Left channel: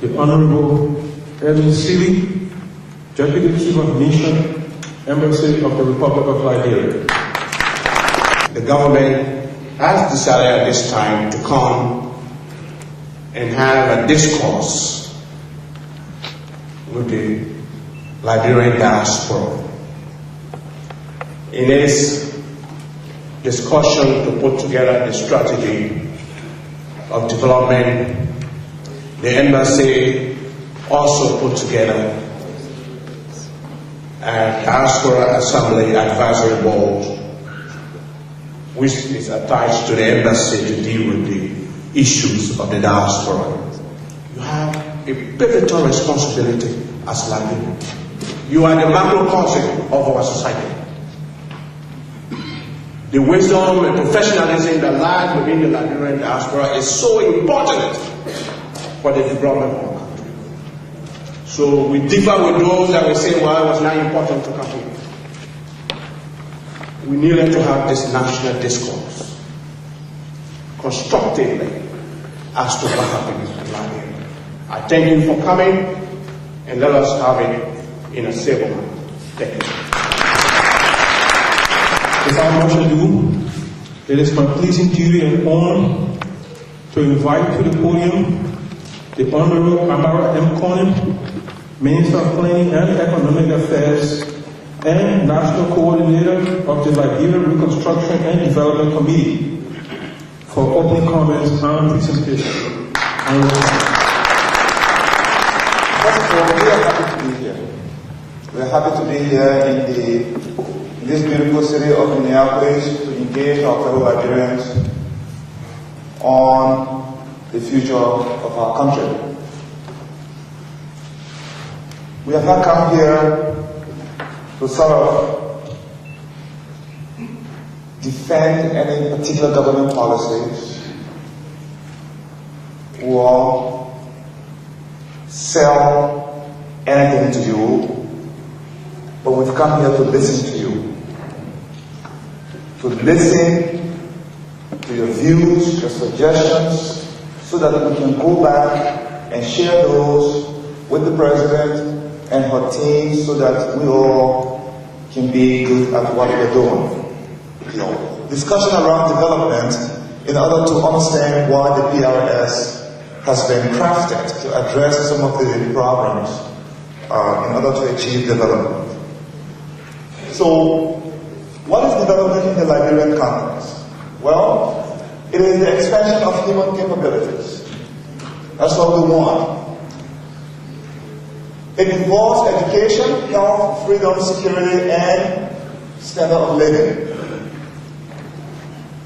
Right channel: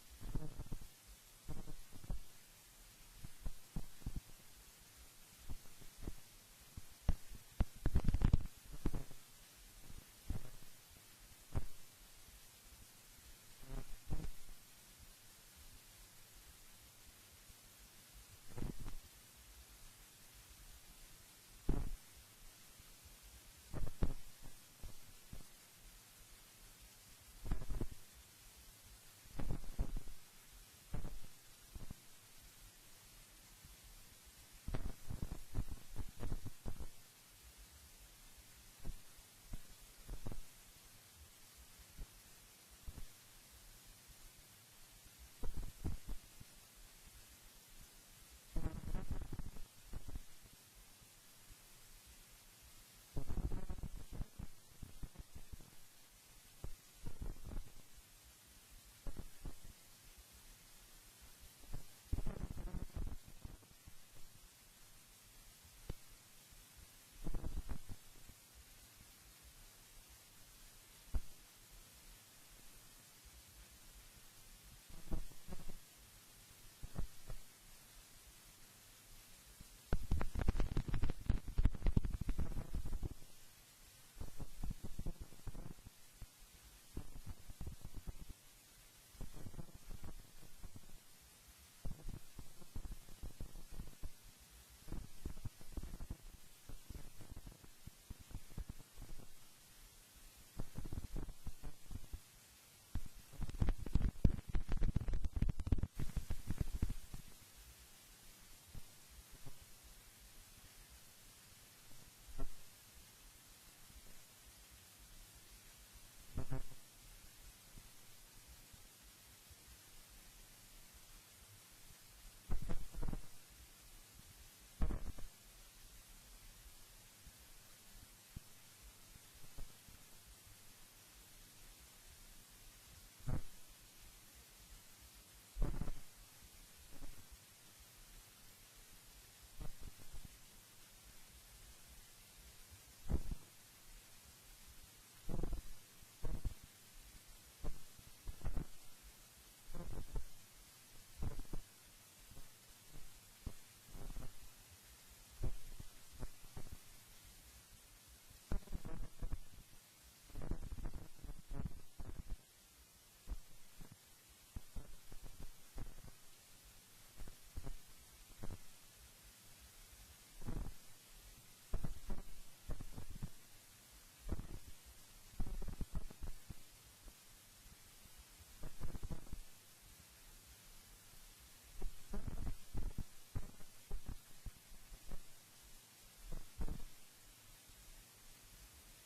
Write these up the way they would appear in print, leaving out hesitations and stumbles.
the Honorable Edwin Seeley, Deputy Chief of Mission, Embassy of the Republic of Liberia. The government has decided at this time to come and have a discourse with the Liberian diaspora. In its discussion to put together the strategy of development, the embassy also put together a Diaspora Assembly Advisory Board, which is attached to the embassy to deal with the issues of the diaspora. You have a pivotal responsibility as Liberian. You are the macrocosm of our society. The wisdom and professionalism that lies within the Liberian diaspora is so important for the development of our country. So we differ with those that will say, well, it was not important to come here. We needed to have this national discourse constructively as to what happened in Liberia. I thank you for coming, and let us have it in a civil manner. Thank you. Without much ado, it is my pleasing duty and honor to invite to the podium the Honorable Amara M. Konneh, Minister of Planning and Economic Affairs and National Coordinator of the Liberian Reconstruction and Development Committee, for opening comments and presentation. First of all, we are happy to be here. We are happy to be here in this beautiful city of Minneapolis to engage our fellow Liberians on the future of our country. We have not come here to sort of defend any particular government policies or sell anything to you, but we've come here to listen to you, to listen to your views, your suggestions, so that we can go back and share those with the President and her team so that we all can be good at what we're doing. Discussion around development in order to understand why the PRS has been crafted to address some of the problems in order to achieve development. So, what is development in the Liberian context? Well, it is the expansion of human capabilities. That's what we want. It involves education, health, freedom, security, and standard of living.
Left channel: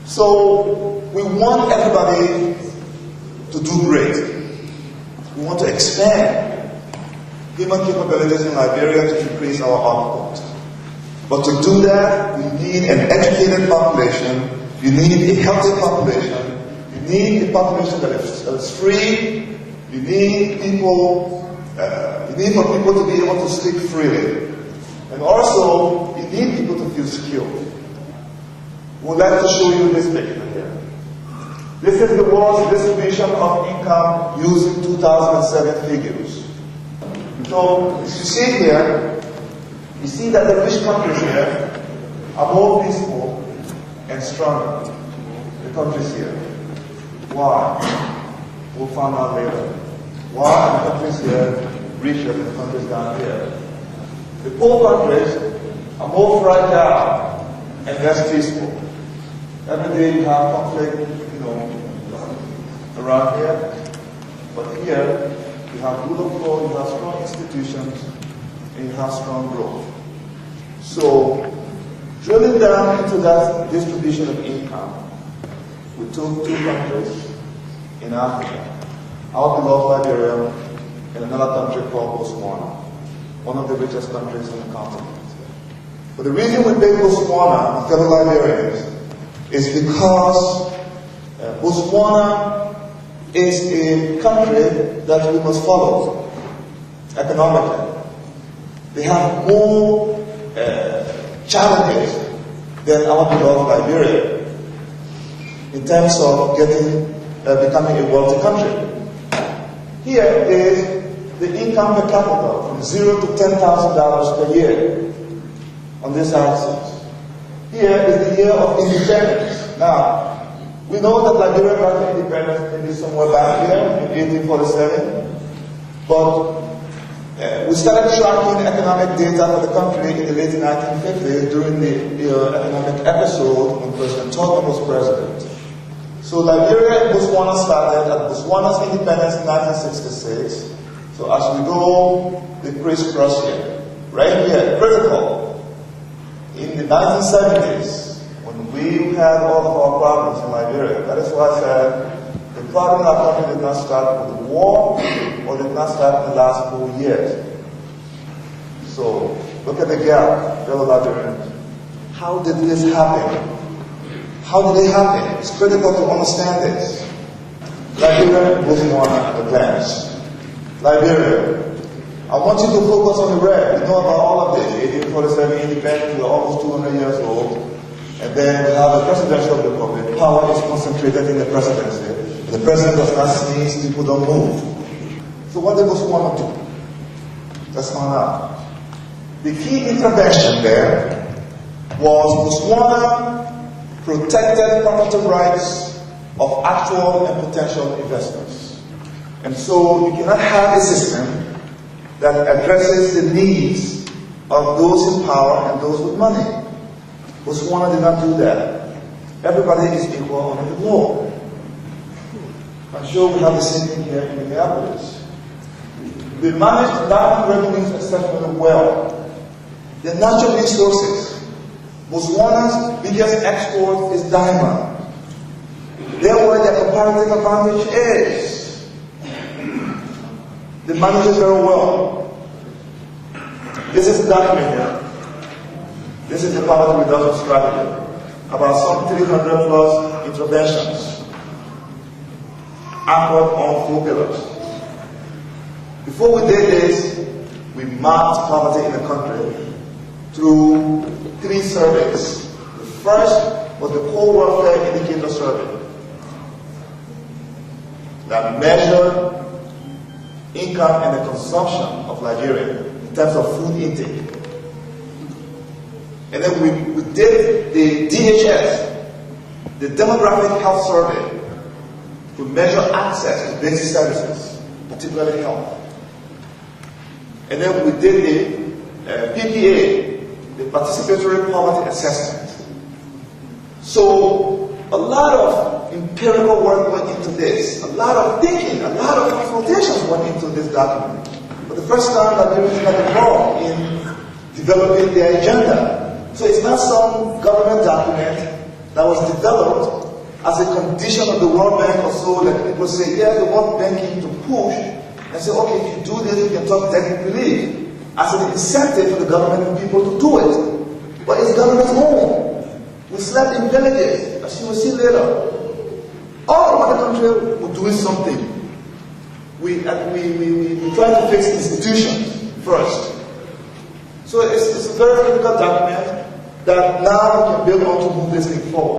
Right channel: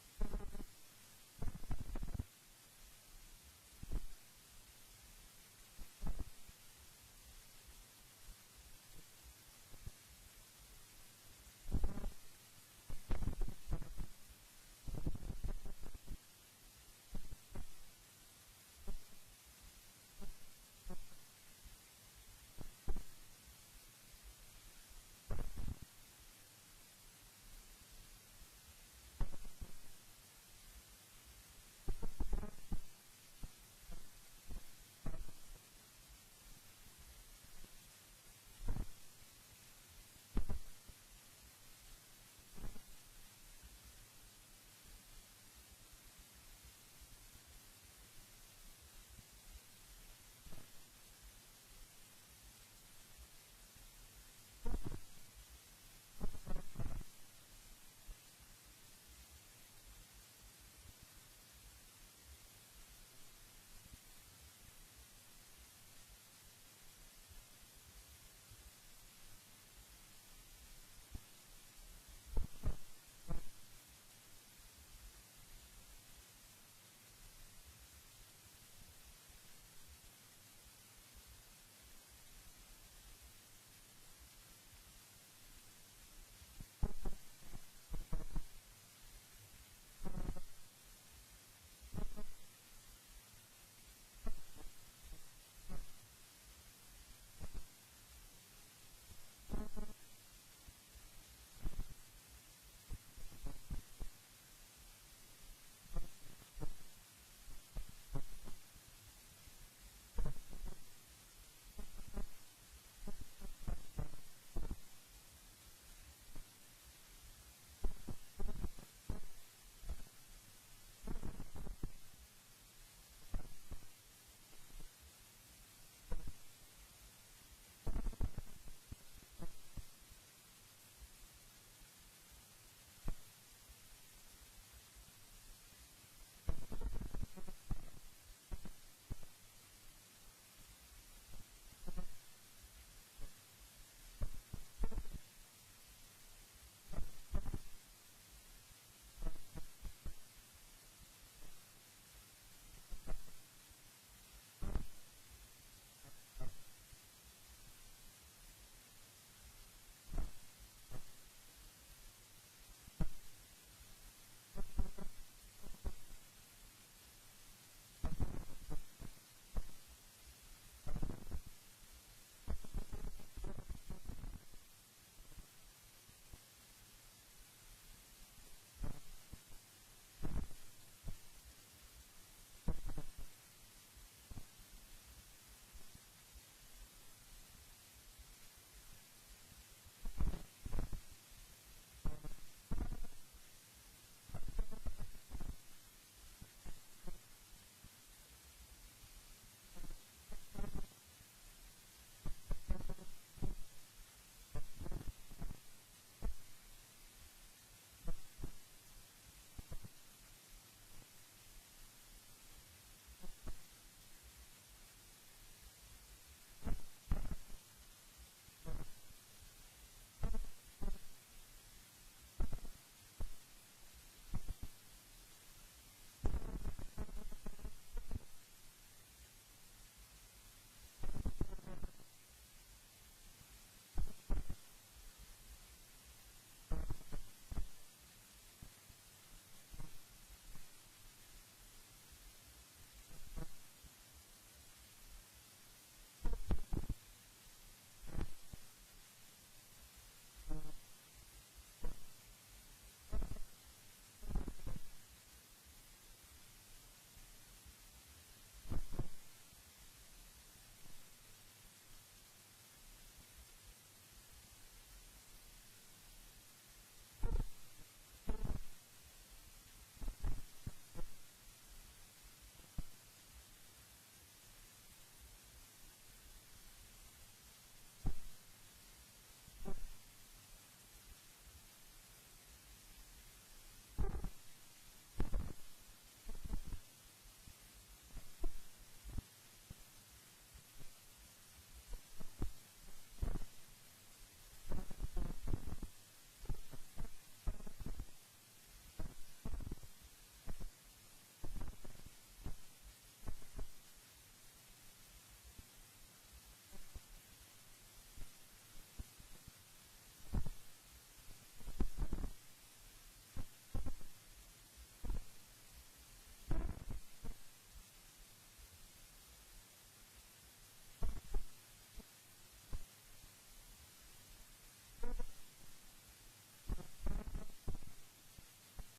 So, we want everybody to do great. We want to expand human capabilities in Liberia to increase our output. But to do that, we need an educated population, you need a healthy population, you need a population that is free, you need people, you need for people to be able to speak freely. And also, you need people to feel secure. We'd like to show you this picture here. This is the world's distribution of income using 2007 figures. So, as you see here, you see that the rich countries here are more peaceful and stronger. The countries here. Why? We'll find out later. Why are the countries here richer than the countries down here? The poor countries are more fragile and less peaceful. Every day you have conflict, around here. But here, you have rule of law, you have strong institutions, and you have strong growth. So, drilling down into that distribution of income, we took two countries in Africa, our beloved Liberia, and another country called Botswana, one of the richest countries on the continent. But the reason we picked Botswana, fellow Liberians, is because Botswana is a country that we must follow economically. They have more challenges than our beloved Liberia in terms of becoming a wealthy country. Here is the income per capita from $0 to $10,000 per year on this axis. Here is the year of independence. Now, we know that Liberia got independence maybe somewhere back here in 1847, but we started tracking economic data for the country in the late 1950s during the economic episode when President Tubman was president. So Liberia and Botswana started at Botswana's independence in 1966. So as we go, they crisscross here. Right here, critical. In the 1970s, when we had all of our problems in Liberia, that is why I said the problem in our country did not start with the war or did not start in the last 4 years. So look at the gap, fellow Liberians. How did this happen? How did it happen? It's critical to understand this. Liberia and Botswana at a glance. Liberia. I want you to focus on the red. You know about all of this. 1847 independence, we're almost 200 years old. And then we have a presidential republic. Power is concentrated in the presidency. The president does not sneeze, people don't move. So what did Botswana do? Let's find out. The key intervention there was Botswana protected property rights of actual and potential investors. And so you cannot have a system that addresses the needs of those in power and those with money. Botswana did not do that. Everybody is equal under the law. I'm sure we have the same thing here in Minneapolis. They managed diamond revenues exceptionally well. The natural resources. Botswana's biggest export is diamond. Therefore, their comparative advantage is. They manage it very well. This is the document here. This is the poverty reduction strategy. About some 300 plus interventions anchored on 4 pillars. Before we did this, we mapped poverty in the country through 3 surveys. The first was the Core Welfare Indicator Survey that measured income and the consumption of Liberia in terms of food intake. And then we did the DHS, the Demographic Health Survey, to measure access to basic services, particularly health. And then we did the PPA, the Participatory Poverty Assessment. So a lot of empirical work went into this, a lot of thinking, a lot of consultations went into this document. For the first time, Liberians got involved in developing their agenda. So it's not some government document that was developed as a condition of the World Bank or so that people say, yeah, the World Bank came to push and say, okay, if you do this, you can talk debt relief as an incentive for the government and people to do it. But it's government's own. We slept in villages, as you will see later. All over the country were doing something. We try to fix institutions first. So it's a very critical document that now we can build on to move this thing forward.